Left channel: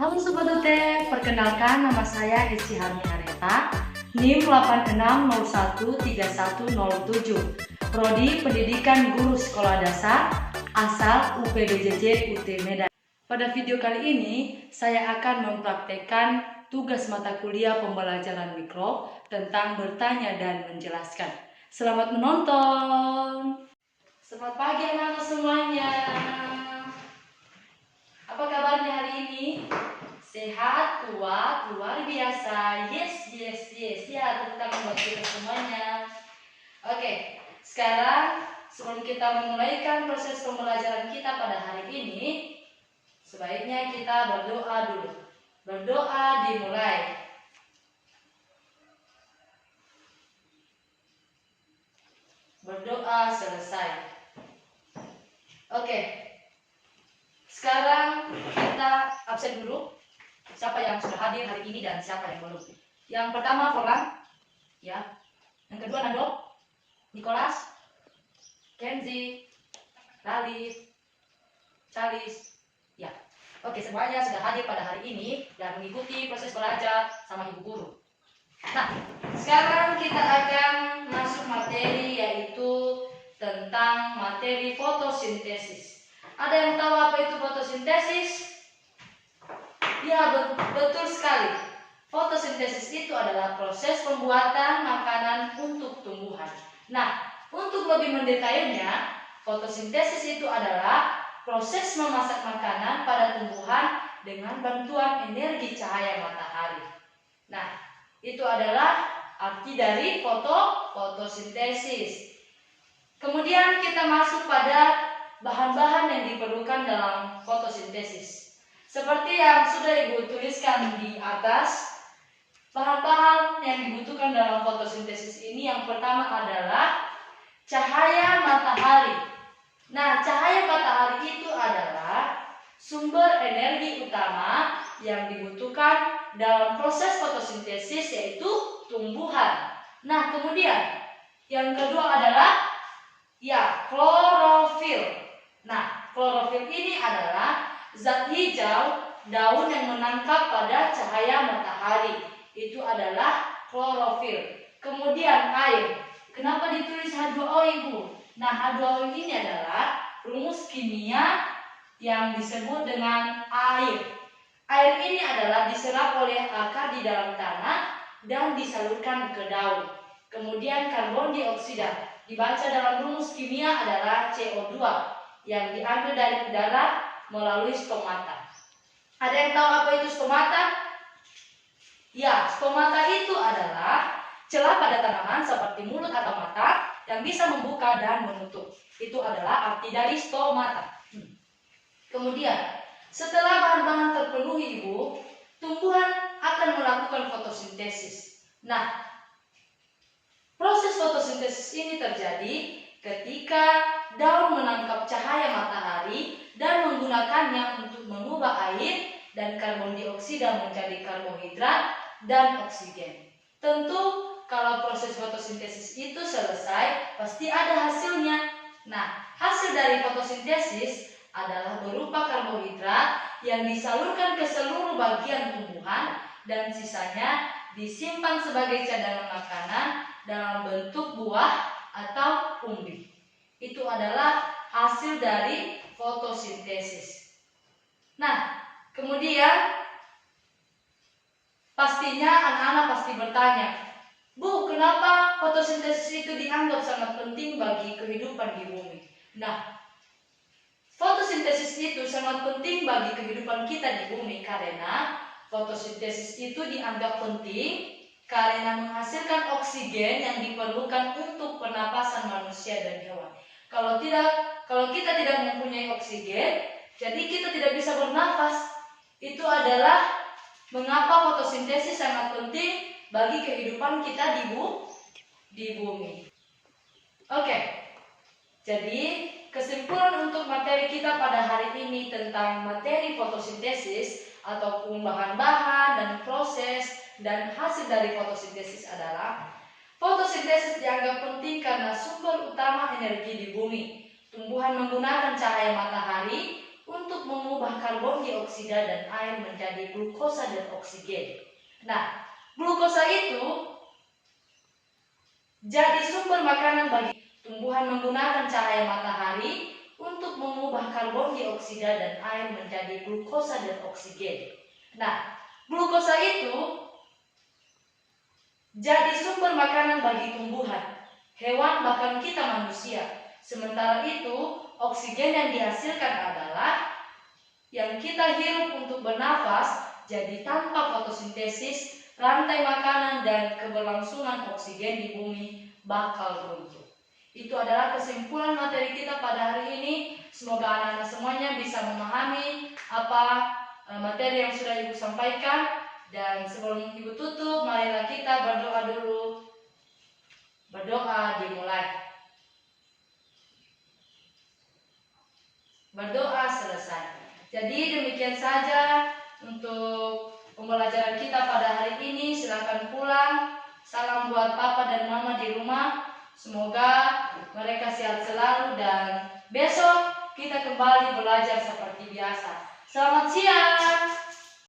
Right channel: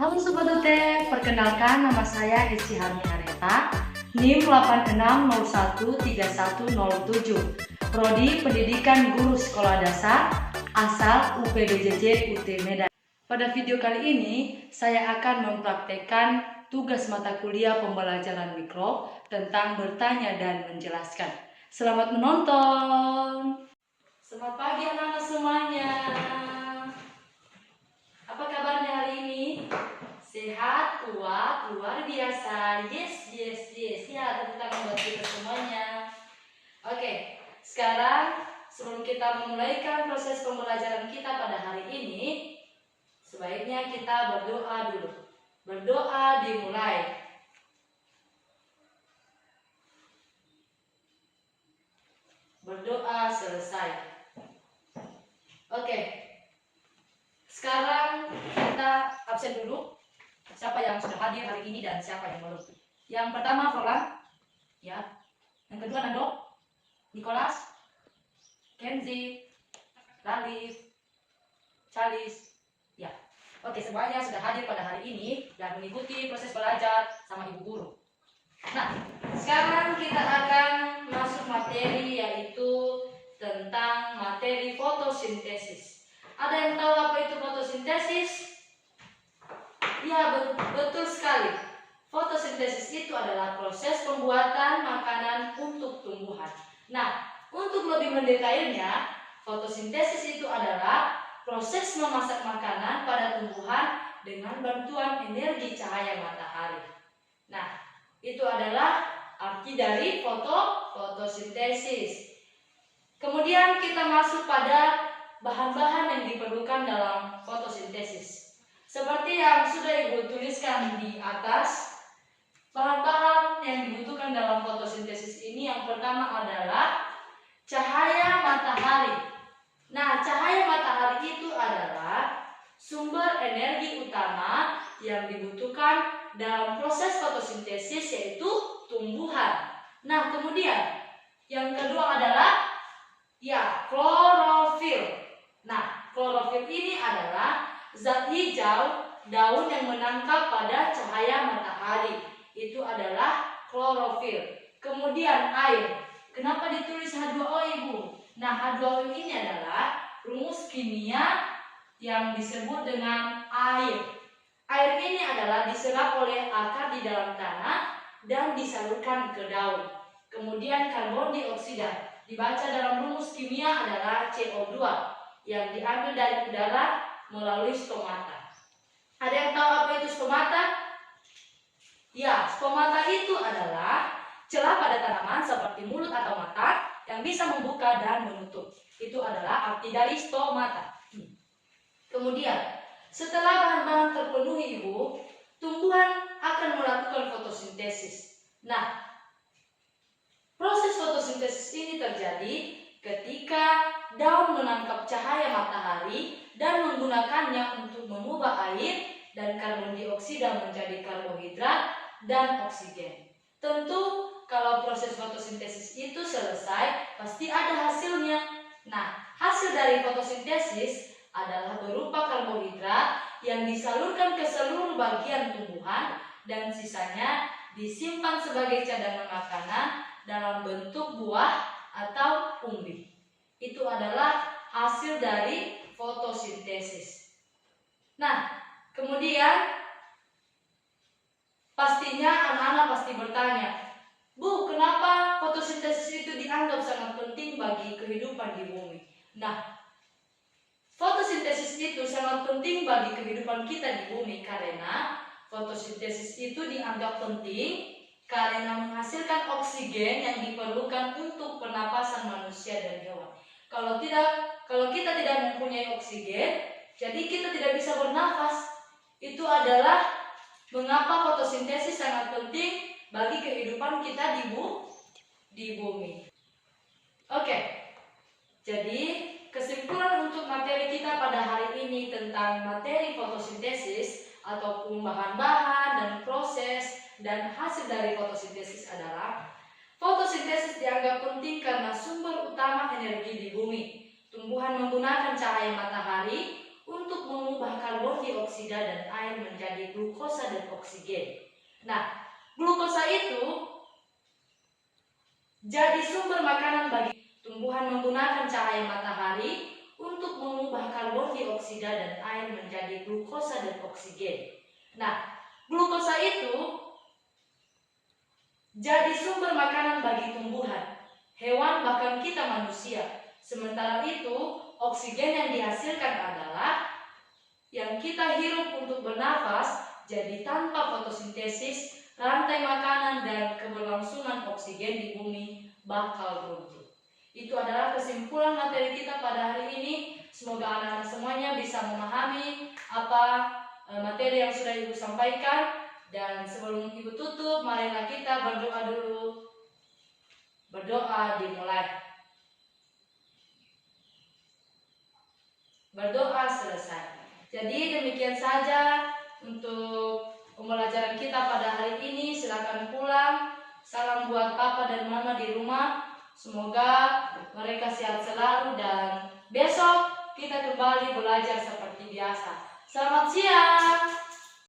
Halo Sobat UT, perkenalkan nama saya Eci Harmi Areta, NIM 86013107, Prodi Pendidikan Guru Sekolah Dasar, asal UPDJJ UT Medan. Pada video kali ini, saya akan mempraktekkan tugas mata kuliah pembelajaran mikro tentang bertanya dan menjelaskan. Selamat menonton! Selamat pagi anak-anak semuanya. Apa kabarnya hari ini? Sehat, kuat, luar biasa. Yes. Ya, tepuk tangan buat kita semuanya. Oke, sekarang sebelum kita memulaikan proses pembelajaran kita pada hari ini, sebaiknya kita berdoa dulu. Berdoa dimulai. Berdoa selesai. Oke. Sekarang kita absen dulu. Siapa yang sudah hadir hari ini dan siapa yang belum. Yang pertama Forlan, ya. Yang kedua Nando, Nicholas, Kenzi, Ralif, Charles, ya. Oke, semuanya sudah hadir pada hari ini dan mengikuti proses belajar sama ibu guru. Nah, sekarang kita akan masuk materi, yaitu tentang materi fotosintesis. Ada yang tahu apa itu fotosintesis? Ya, betul sekali. Fotosintesis itu adalah proses pembuatan makanan untuk tumbuhan. Nah, untuk lebih mendetailnya, fotosintesis itu adalah proses memasak makanan pada tumbuhan dengan bantuan energi cahaya matahari. Nah, itu adalah arti dari fotosintesis. Kemudian kita masuk pada bahan-bahan yang diperlukan dalam fotosintesis. Seperti yang sudah Ibu tuliskan di atas, bahan-bahan yang dibutuhkan dalam fotosintesis ini yang pertama adalah cahaya matahari. Nah, cahaya matahari itu adalah sumber energi utama yang dibutuhkan dalam proses fotosintesis, yaitu tumbuhan. Nah, kemudian yang kedua adalah klorofil. Nah, klorofil ini adalah zat hijau daun yang menangkap pada cahaya matahari. Itu adalah klorofil. Kemudian air. Kenapa ditulis H2O, Ibu? Nah, H2O ini adalah rumus kimia yang disebut dengan air. Air ini adalah diserap oleh akar di dalam tanah dan disalurkan ke daun. Kemudian karbon dioksida dibaca dalam rumus kimia adalah CO2 yang diambil dari udara melalui stomata. Ada yang tahu apa itu stomata? Ya, stomata itu adalah celah pada tanaman seperti mulut atau mata yang bisa membuka dan menutup. Itu adalah arti dari stomata. Kemudian, setelah bahan-bahan terpenuhi, Ibu, tumbuhan akan melakukan fotosintesis. Nah, proses fotosintesis ini terjadi ketika daun menangkap cahaya matahari dan menggunakannya untuk mengubah air dan karbon dioksida menjadi karbohidrat dan oksigen. Tentu kalau proses fotosintesis itu selesai, pasti ada hasilnya. Nah, hasil dari fotosintesis adalah berupa karbohidrat yang disalurkan ke seluruh bagian tumbuhan dan sisanya disimpan sebagai cadangan makanan dalam bentuk buah atau umbi. Itu adalah hasil dari fotosintesis. Nah, kemudian pastinya anak-anak pasti bertanya, Bu, kenapa fotosintesis itu dianggap sangat penting bagi kehidupan di bumi? Nah, fotosintesis itu sangat penting bagi kehidupan kita di bumi karena fotosintesis itu dianggap penting karena menghasilkan oksigen yang diperlukan untuk pernapasan manusia dan hewan. Kalau kita tidak mempunyai oksigen, jadi kita tidak bisa bernafas. Itu adalah mengapa fotosintesis sangat penting bagi kehidupan kita di bumi. Oke. Jadi, kesimpulan untuk materi kita pada hari ini tentang materi fotosintesis ataupun bahan-bahan dan proses dan hasil dari fotosintesis adalah fotosintesis dianggap penting karena sumber utama energi di bumi. Tumbuhan menggunakan cahaya matahari untuk mengubah karbon dioksida dan air menjadi glukosa dan oksigen. Nah, glukosa itu jadi sumber makanan bagi tumbuhan menggunakan cahaya matahari untuk mengubah karbon dioksida dan air menjadi glukosa dan oksigen. Nah, glukosa itu jadi sumber makanan bagi tumbuhan, hewan, bahkan kita manusia. Sementara itu, oksigen yang dihasilkan adalah yang kita hirup untuk bernafas. Jadi tanpa fotosintesis, rantai makanan dan keberlangsungan oksigen di bumi bakal runtuh. Itu adalah kesimpulan materi kita pada hari ini. Semoga anak-anak semuanya bisa memahami apa materi yang sudah Ibu sampaikan. Dan sebelum Ibu tutup, marilah kita berdoa dulu. Berdoa dimulai. Berdoa selesai. Jadi demikian saja untuk pembelajaran kita pada hari ini. Silakan pulang. Salam buat papa dan mama di rumah. Semoga mereka sehat selalu dan besok kita kembali belajar seperti biasa. Selamat siang.